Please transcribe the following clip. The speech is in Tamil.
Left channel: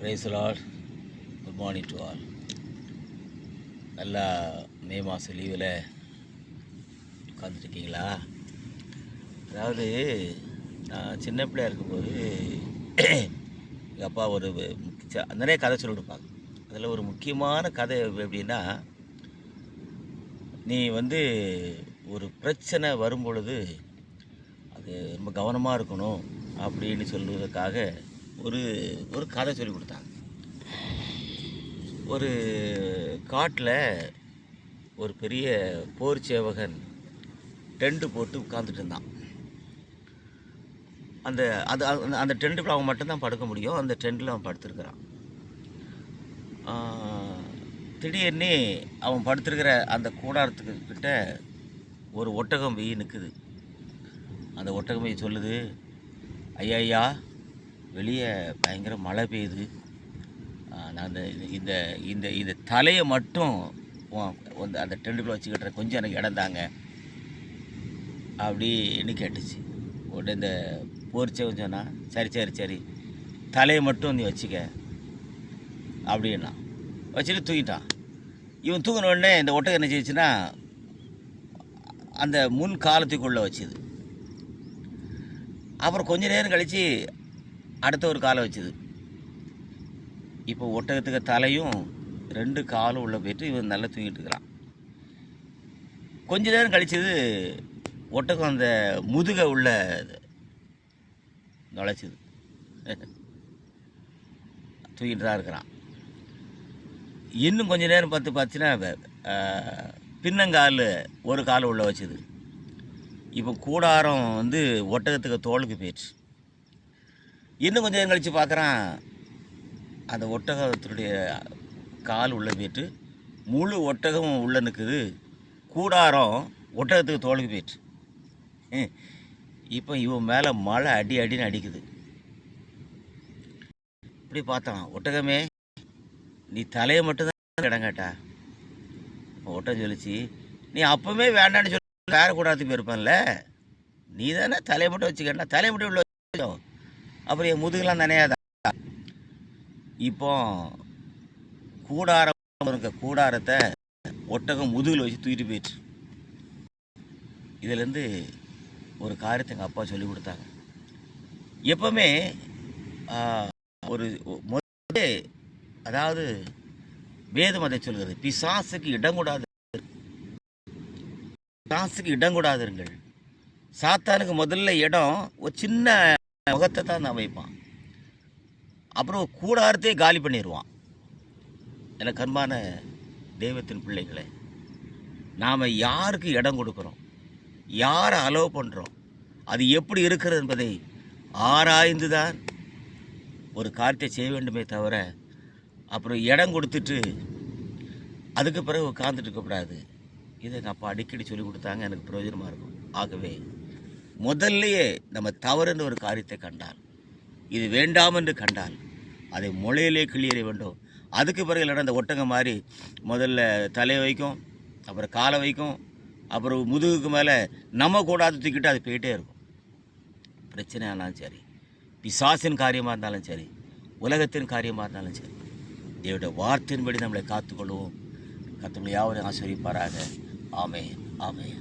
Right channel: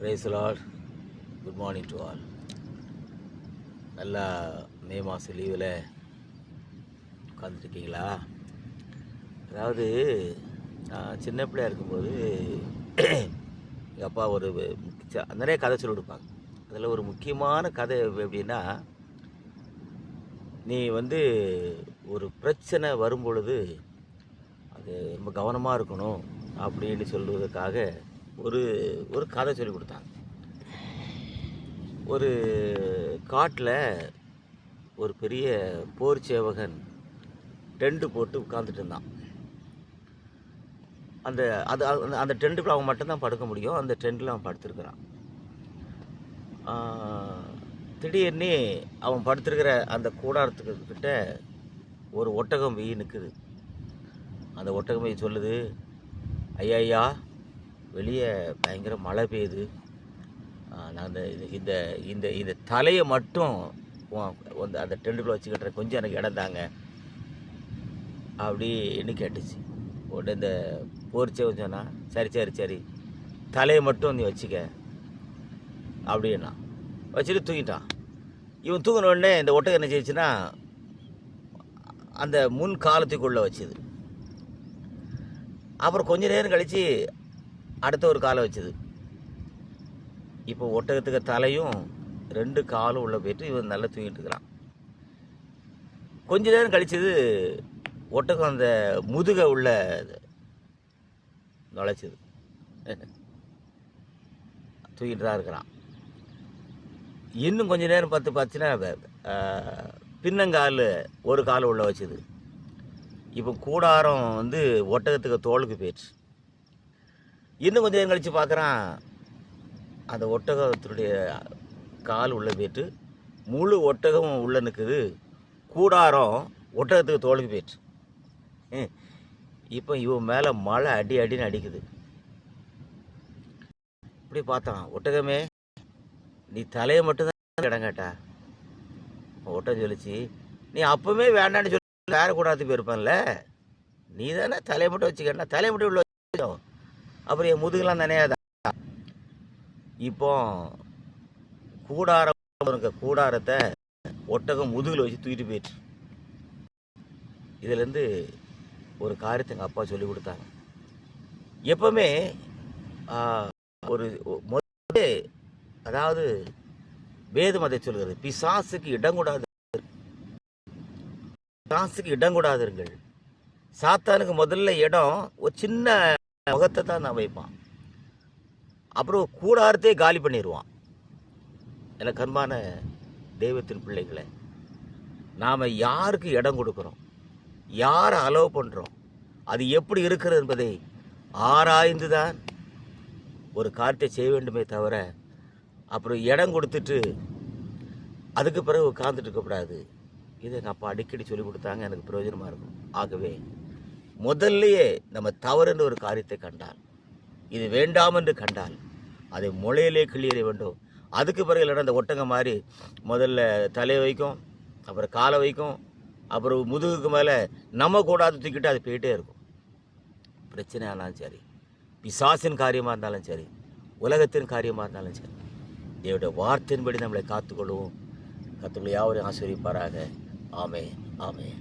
Praise the Lord. Good morning to all. நல்லா மே மாதம் லீவில் உட்காந்துருக்கீங்களா? அதாவது நான் சின்ன பிள்ளையாக இருக்கும்போது எங்கள் அப்பா ஒரு நிறைய கதை சொல்லி கொடுப்பாங்க. அதில் ஒரு முக்கியமான கதை எப்படின்னா, நீ ஒரு பிரச்சனை வரும்பொழுது அது ரொம்ப கவனமாக இருக்கணும் அப்படின்னு சொல்லுவதற்காக ஒரு ஒரு கதை சொல்லி கொடுத்தாங்க. ஒரு காட்டில் ஒரு பெரிய போர் சேவகன் டென்ட்டு போட்டு உட்காந்துட்டு இருந்தான். அந்த அது அந்த டென்ட்டுக்குள்ள அவன் மட்டும்தான் படுக்க முடியும். அந்த டென்ட்டில் அவன் படுத்துருக்கிறான். திடீர்னு அவன் படுத்துருக்கிற அந்த கூடாரத்துக்கு கிட்ட ஒரு ஒட்டகம் வெயி நிற்குது. அந்த ஒட்டகம் வெயி சொல்லுது, ஐயா வெளியே பயங்கர மழை பெய்யுது, நான் இந்த இந்த இந்த தலையை மட்டும் அந்த டென்ட்டுக்குள்ளே வச்சுக்கிட்டுறேன், கொஞ்சம் எனக்கு இடம் தாங்க அப்படின்னு கேட்டுச்சு. உடனே இந்த போர்ச்சவன் சொன்னா, சரி சரி சரி தலையை மட்டும் நீ வச்சுக்க அப்படின்னா வச்சுட்டு தூங்கிட்டான். இவன் தூங்கின உடனே இந்த ஒட்டகம் என்ன செய்யுச்சுன்னா அந்த முன் காலத்துக்குள்ளே வச்சுது. அப்புறம் கொஞ்ச நேரம் கழித்து அடுத்த ஒரு காலை வச்சுது. இப்போ ஒட்டகத்துக்கு தலையும் 2 காலும் உள்ளே போயிட்டு இவன் நல்லா தூங்கிட்டு இருக்கிறான். கொஞ்ச நேரம் கழிச்சது ஒட்டகம் அந்த முதுகை உள்ள நுழைச்சிது. தூங்கிட்டு தான் இருக்கிறான். இன்னும் கொஞ்ச நேரம் பார்த்துச்சுன்னா பின்னங்கால் ஒரு கால் உள்ள வச்சுது. இப்போ கூடாரம் ஒட்டகத்துக்கு தோளுக்கு போயிடுச்சு. இன்னும் கொஞ்சம் நேரம் கழித்து பார்க்குறான், அந்த ஒட்டகத்தினுடைய கால் உள்ளே போயிட்டு முழு ஒட்டகம் உள்ளே நிற்குது. கூடாரம் ஒட்டகத்துக்கு தோளுக்கு போயிடுச்சு. இப்போ இவன் மேலே மழை அடின்னு அடிக்குது. இப்படி பார்த்தான், ஒட்டகமே நீ தலையை மட்டும்தான் இடம் கேட்டா. ஒட்டகம் சொல்லிச்சு, நீ அப்பவுமே வேண்டான்னு சொல்லி வேற கூடாரத்துக்கு போயிருப்பான்ல, நீ தானே தலையை மட்டும் வச்சுக்கன்னா, தலையை மட்டும் உள்ள வச்சு அப்புறம் என் முதுகெல்லாம் நினையாதான். இப்போ கூடாரத்தை ஒட்டகம் முதுகில் வச்சு தூக்கிட்டு போயிட்டு. இதுலேருந்து ஒரு காரியத்தை எங்கள் அப்பா சொல்லி கொடுத்தாங்க. எப்பவுமே ஒரு அதாவது வேதம் அதை சொல்கிறது, பிசாசுக்கு இடம் கூடாதுங்கள். சாத்தானுக்கு முதல்ல இடம் ஒரு சின்ன முகத்தை தான் நான் வைப்பான். அப்புறம் கூடாரத்தையே காலி பண்ணிடுவான். எனக்கு அன்பான தெய்வத்தின் பிள்ளைகளை, நாம் யாருக்கு இடம் கொடுக்குறோம், யாரை அலோவ் பண்ணுறோம், அது எப்படி இருக்கிறது என்பதை ஆராய்ந்து தான் ஒரு காரியத்தை செய்ய வேண்டுமே தவிர அப்புறம் இடம் கொடுத்துட்டு அதுக்கு பிறகு உட்கார்ந்துட்டு இருக்கக்கூடாது. இதை எங்கள் அப்பா அடிக்கடி சொல்லி கொடுத்தாங்க, எனக்கு பிரயோஜனமாக இருக்கும். ஆகவே முதல்லையே நம்ம தவறுன்ற ஒரு காரியத்தை கண்டால், இது வேண்டாம் என்று கண்டால் அதை முளையிலே கிளியற வேண்டும். அதுக்கு பிறகு இல்லைன்னா அந்த ஒட்டகம் மாதிரி முதல்ல தலையை வைக்கும், அப்புறம் காலை வைக்கும், அப்புறம் முதுகுக்கு மேலே நம்ம கூடாது தூக்கிட்டு அது போயிட்டே இருக்கும். பிரச்சனை ஆனாலும் சரி, பிசாசின் காரியமாக இருந்தாலும் சரி, உலகத்தின் காரியமாக இருந்தாலும் சரி, என்னுடைய வார்த்தையின்படி நம்மளை காத்துக்கொள்வோம். கர்த்தர் யாவரையும் ஆசீர்வதிப்பாராக. ஆமென், ஆமென்.